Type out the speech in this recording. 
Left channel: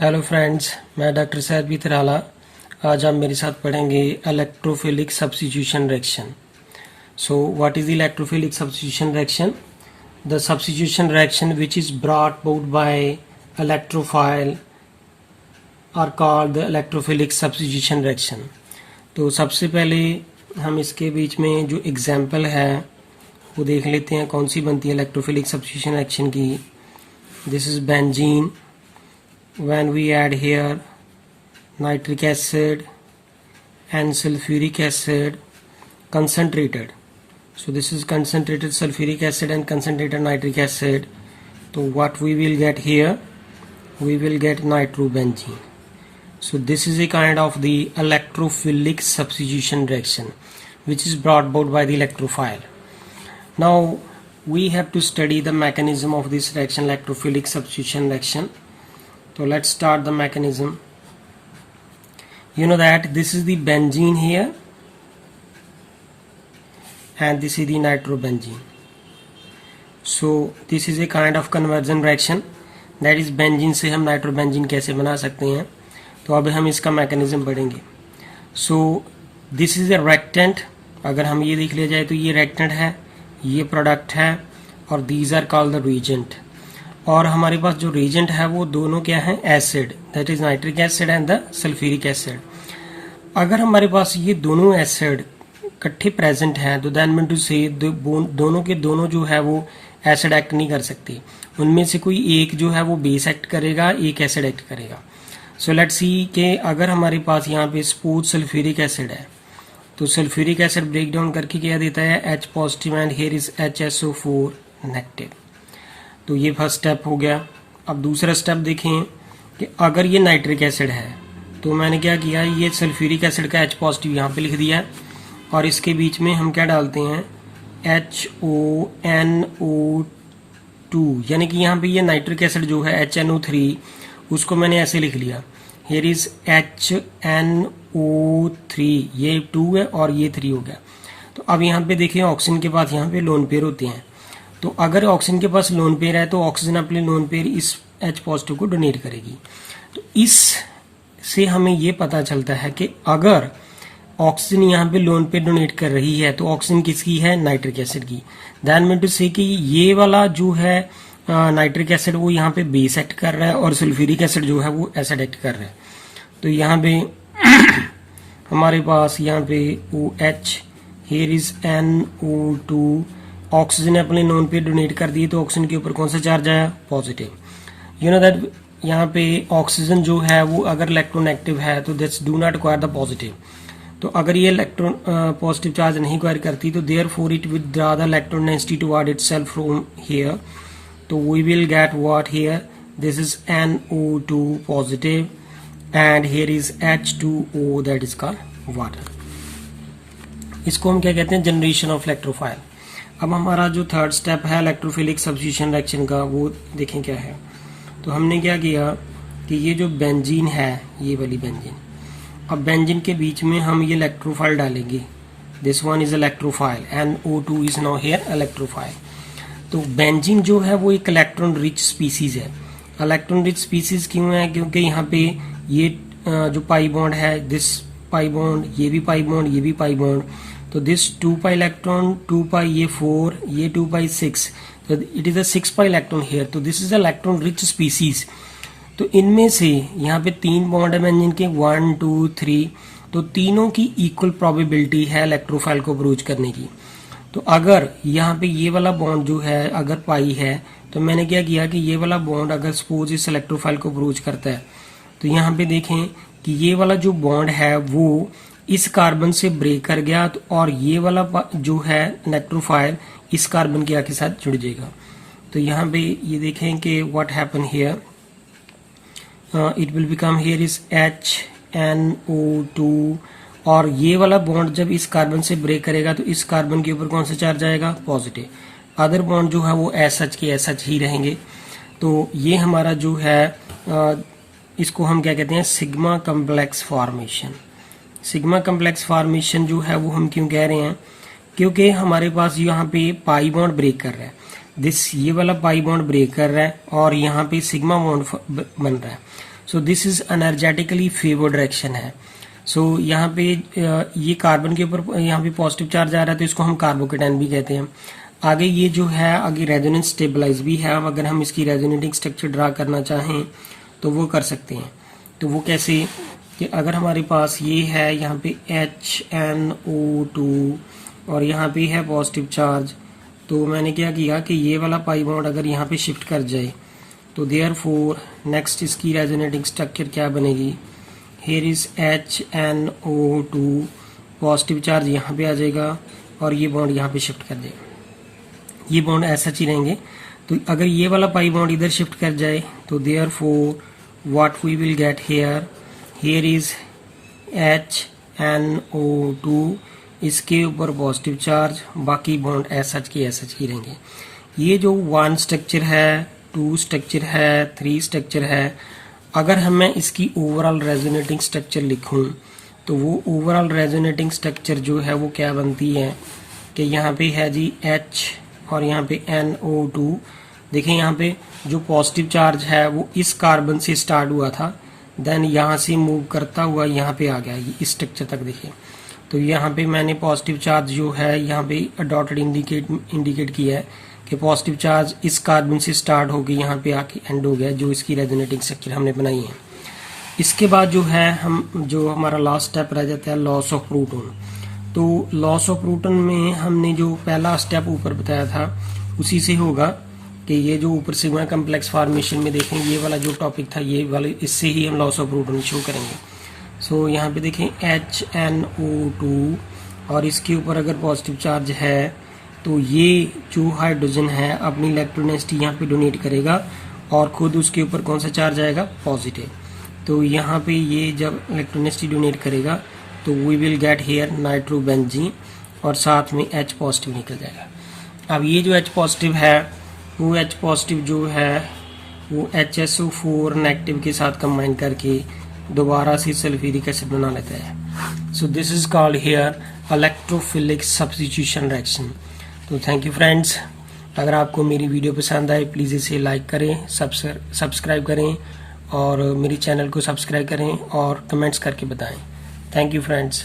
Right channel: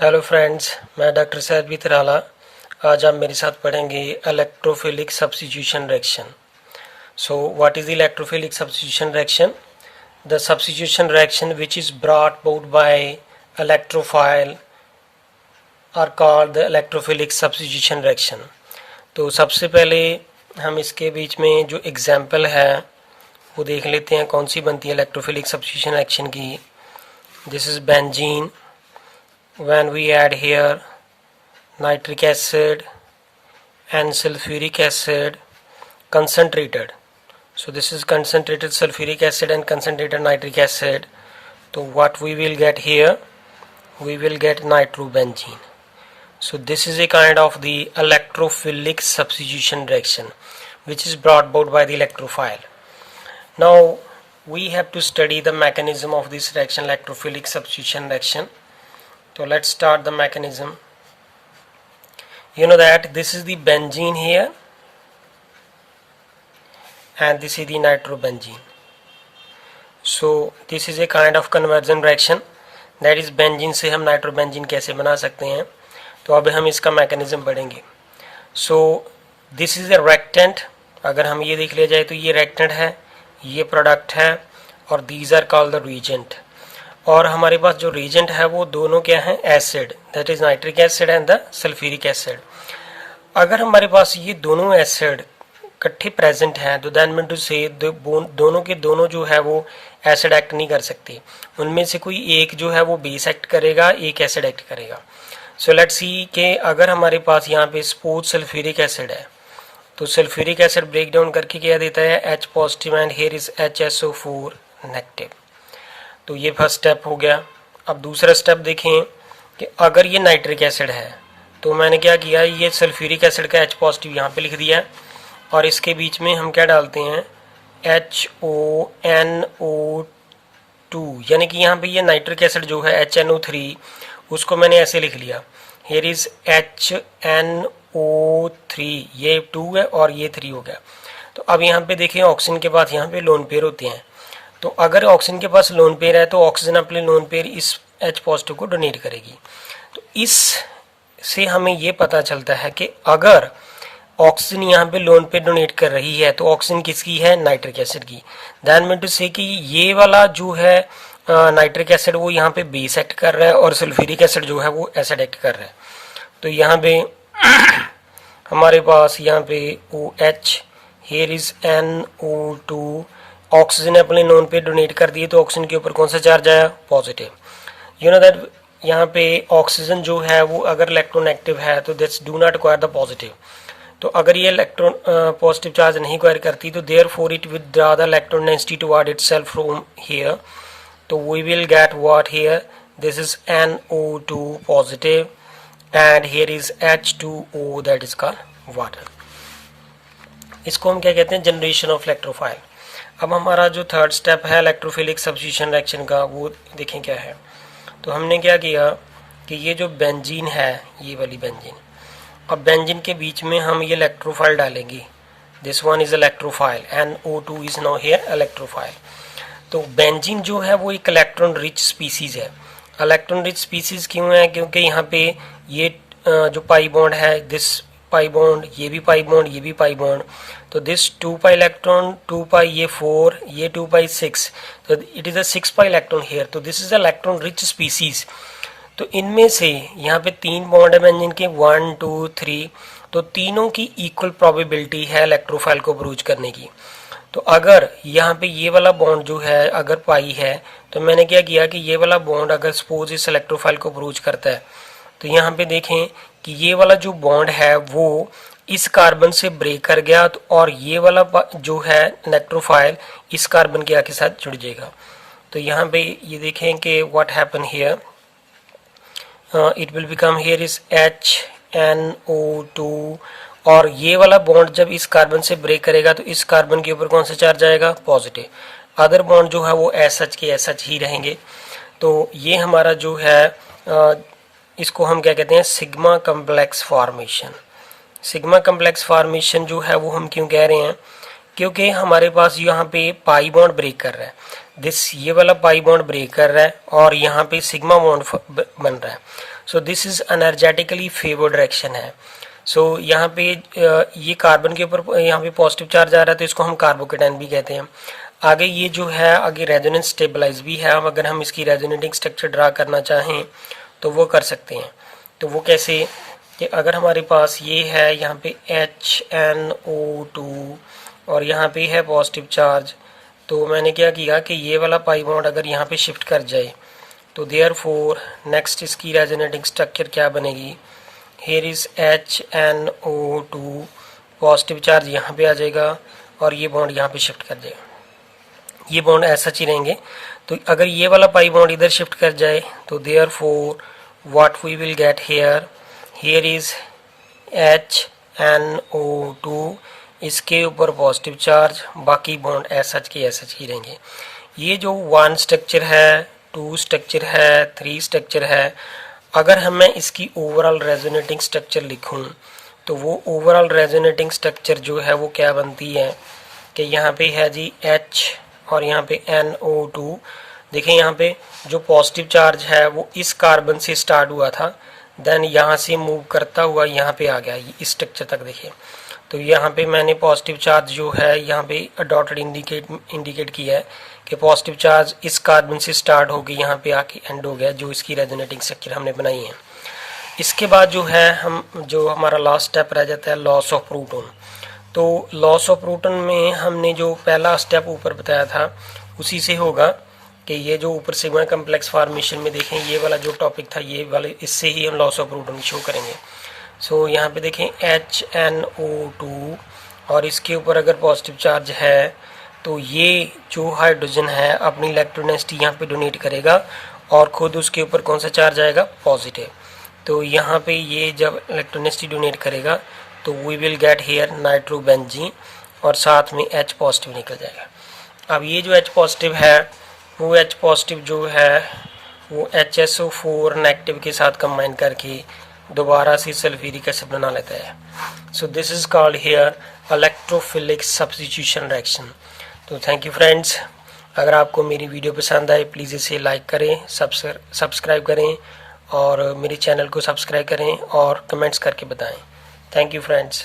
Hello friends, मैं doctor Syed Tarala. आज आप मेरे साथ पढ़ेंगे electrophilic substitution reaction. So what is electrophilic substitution reaction? The substitution reaction which is brought about by electrophile are called the electrophilic substitution reaction. तो सबसे पहले हम इसके बीच में जो एग्जाम्पल है वो देख लेते हैं कौन सी बनती है इलेक्ट्रोफिलिक सब्स्टिट्यूशन रिएक्शन की। This is benzene when we add here nitric acid and sulfuric acid concentrated. So this is concentrated sulfuric acid and concentrated nitric acid. So what we will get here, we will get nitrobenzene. So this is a kind of the electrophilic substitution reaction which is brought about by the electrophile. Now we have to study the mechanism of this reaction, electrophilic substitution reaction. So let's start the mechanism. You know that this is the benzene here and this is the nitrobenzene. So this is a kind of conversion reaction, that is benzene से हम nitrobenzene कैसे बना सकते हैं। तो अब हम इसका mechanism पढ़ेंगे। So this is a reactant। अगर हम ये देख लिया जाए तो ये reactant है, ये product है और these are called the reagent। और हमारे पास जो रिएजेंट है वो दोनों क्या है, acid, that is nitric acid and the sulphuric acid. अगर हमारे पास ये दोनों एसिड इकट्ठे प्रेजेंट हैं तो दैट मीन टू से दोनों के दोनों जो है वो एसिड एक्ट नहीं कर सकते, उनमें से कोई एक जो है वो बेस एक्ट करेगा, एक एसिड एक्ट करेगा। सो लेट्स सी कि अगर हमारे पास यहाँ पे सपोज सल्फ्यूरिक एसिड है तो सल्फ्यूरिक एसिड ब्रेक डाउन करके क्या देता है, H positive and here is HSO4 negative. तो ये फर्स्ट स्टेप हो गया। अब दूसरा स्टेप देखें कि अगर ये नाइट्रिक एसिड है तो मैंने क्या किया, ये सल्फ्यूरिक एसिड का H पॉजिटिव यहाँ पे लिख दिया है और इसके बीच में हम क्या डालते हैं, HONO2, यानी कि यहाँ पे ये नाइट्रिक एसिड जो है HNO3 उसको मैंने ऐसे लिख लिया, हियर इज HNO3, ये 2 है और ये 3 हो गया। तो अब यहाँ पे देखिए ऑक्सीजन के पास यहाँ पे लोन पेयर होते हैं, तो अगर ऑक्सीजन के पास लोन पेयर है तो ऑक्सीजन अपने लोन पेयर इस H पॉजिटिव को डोनेट करेगी। तो इस से हमें ये पता चलता है कि अगर ऑक्सीजन यहाँ पे लोन पेयर डोनेट कर रही है तो ऑक्सीजन किसकी है, नाइट्रिक एसिड की। दैट मीन टू से कि ये वाला जो है नाइट्रिक एसिड वो यहाँ पे बेस एक्ट कर रहा है और सल्फ्यूरिक एसिड जो है वो एसिड एक्ट कर रहा है। तो यहाँ पे हमारे पास यहाँ पे OH, here is NO2, oxygen अपने नोन पे डोनेट कर दिए तो ऑक्सीजन के ऊपर कौन सा चार्ज आया, पॉजिटिव। यू नो दैट यहाँ पे ऑक्सीजन जो है वो अगर इलेक्ट्रोनेगेटिव है तो that's do not acquire the positive. तो अगर ये इलेक्ट्रॉन पॉजिटिव चार्ज नहीं एक्वायर करती तो therefore it withdraw the electron density toward itself from here. तो we will get what here, this is NO2 positive and here is H2O that is called water. इसको हम क्या कहते हैं, generation of electrophile. अब हमारा जो थर्ड स्टेप है इलेक्ट्रोफिलिक सब्स्टिट्यूशन रिएक्शन का वो देखें क्या है। तो हमने क्या किया कि ये जो बेंजीन है, ये वाली बेंजीन, अब बेंजीन के बीच में हम ये इलेक्ट्रोफाइल डालेंगे, this one is electrophile, NO2 is now here electrophile. तो बेंजीन जो है वो एक इलेक्ट्रॉन रिच स्पीसीज है। इलेक्ट्रॉन रिच स्पीसीज क्यों है, क्योंकि यहाँ पे ये जो पाई बॉन्ड है, दिस पाई बॉन्ड, ये भी पाई बॉन्ड, ये भी पाई बॉन्ड, तो दिस 2 पाई इलेक्ट्रॉन, 2 पाई ये 4, ये 2 पाई 6, तो it is a 6 pi electron here. तो this is electron rich species. तो इनमें से यहाँ पे 3 बॉन्ड है बेंजीन के, 1 2 3, तो तीनों की इक्वल प्रोबेबिलिटी है इलेक्ट्रोफाइल को अप्रोच करने की। तो अगर यहाँ पे ये वाला बॉन्ड जो है अगर पाई है तो मैंने क्या किया कि ये वाला बॉन्ड अगर सपोज इस इलेक्ट्रोफाइल को अप्रोच करता है तो यहाँ पे देखें कि ये वाला जो बॉन्ड है वो इस कार्बन से ब्रेक कर गया, तो और ये वाला जो है इलेक्ट्रोफाइल इस कार्बन के आके साथ जुड़ जाएगा। तो यहाँ पे ये देखें कि what happen here, it will become here is HNO2, और ये वाला बॉन्ड जब इस कार्बन से ब्रेक करेगा तो इस कार्बन के ऊपर कौन सा चार्ज आएगा, पॉजिटिव। अदर बॉन्ड जो है वो SH के SH ही रहेंगे। तो ये हमारा जो है इसको हम क्या कहते हैं, sigma complex formation. Sigma complex formation जो है वो हम क्यों कह रहे हैं, क्योंकि हमारे पास यहाँ पे पाई बॉन्ड ब्रेक कर रहा है, दिस ये वाला पाई बॉन्ड ब्रेक कर रहा है और यहाँ पे सिग्मा बॉन्ड बन रहा है। So this is energetically favoured reaction है। सो यहाँ पे ये कार्बन के ऊपर यहाँ पे पॉजिटिव चार्ज आ रहा है तो इसको हम कार्बोकेटाइन भी कहते हैं। आगे ये जो है आगे रेजोनेंस स्टेबलाइज भी है। अब अगर हम इसकी रेजोनेटिंग स्ट्रक्चर ड्रा करना चाहें तो वो कर सकते हैं। तो वो कैसे कि अगर हमारे पास ये है यहाँ पे HNO2 और यहाँ पे है पॉजिटिव चार्ज, तो मैंने क्या किया कि ये वाला पाई बॉन्ड अगर यहाँ पे शिफ्ट कर जाए तो देयरफॉर नेक्स्ट इसकी रेजोनेटिंग स्ट्रक्चर क्या बनेगी, here is HNO2, positive charge यहाँ पे आ जाएगा और ये बॉन्ड यहाँ पे शिफ्ट कर जाएगा। ये बॉन्ड ऐसा ही रहेंगे। तो अगर ये वाला पाई बॉन्ड इधर शिफ्ट कर जाए तो therefore what we will get here is HNO2, इसके ऊपर पॉजिटिव चार्ज, बाकी बॉन्ड ऐसा ही रहेंगे। ये जो 1 स्ट्रक्चर है, 2 स्ट्रक्चर है, 3 स्ट्रक्चर है, अगर मैं इसकी ओवरऑल रेजोनेटिंग स्ट्रक्चर लिखूं तो वो ओवरऑल रेजोनेटिंग स्ट्रक्चर जो है वो क्या बनती है कि यहाँ पे है जी H और यहाँ पे NO2। देखिए यहाँ पे जो पॉजिटिव चार्ज है वो इस कार्बन से स्टार्ट हुआ था, देन यहाँ से मूव करता हुआ यहाँ पे आ गया इस स्ट्रक्चर तक। देखिए तो यहाँ पे मैंने पॉजिटिव चार्ज जो है यहाँ पे डॉटेड इंडिकेट किया है कि पॉजिटिव चार्ज इस कार्बन से स्टार्ट होकर यहाँ पे आके एंड हो गया, जो इसकी रेजोनेटिंग स्ट्रक्चर हमने बनाई है। इसके बाद जो है जो हमारा लास्ट स्टेप रह जाता है लॉस ऑफ प्रोटॉन। तो लॉस ऑफ प्रोटॉन में हमने जो पहला स्टेप ऊपर बताया था उसी से होगा कि ये जो ऊपर सिग्मा कम्प्लेक्स फॉर्मेशन में देखें ये वाला जो टॉपिक था ये वाले, इससे ही हम लॉस ऑफ प्रोटॉन शो करेंगे। सो यहाँ पे देखें HNO2 और इसके ऊपर अगर पॉजिटिव चार्ज है तो ये जो हाइड्रोजन है अपनी इलेक्ट्रोनेसिटी यहाँ पे डोनेट करेगा और खुद उसके ऊपर कौन सा चार्ज आएगा, पॉजिटिव। तो यहाँ पे ये जब इलेक्ट्रोनेसिटी डोनेट करेगा तो we will get here nitrobenzene और साथ में H पॉजिटिव निकल जाएगा। अब ये जो H पॉजिटिव है वो H पॉजिटिव जो है वो HSO4 नेगेटिव के साथ कंबाइन करके दोबारा से सल्फ्यूरिक एसिड बना लेता है। So this is called here electrophilic substitution reaction. तो थैंक यू फ्रेंड्स, अगर आपको मेरी वीडियो पसंद आए प्लीज़ इसे लाइक करें, सब्सक्राइब करें और मेरे चैनल को सब्सक्राइब करें और कमेंट्स करके बताएं। Thank you friends.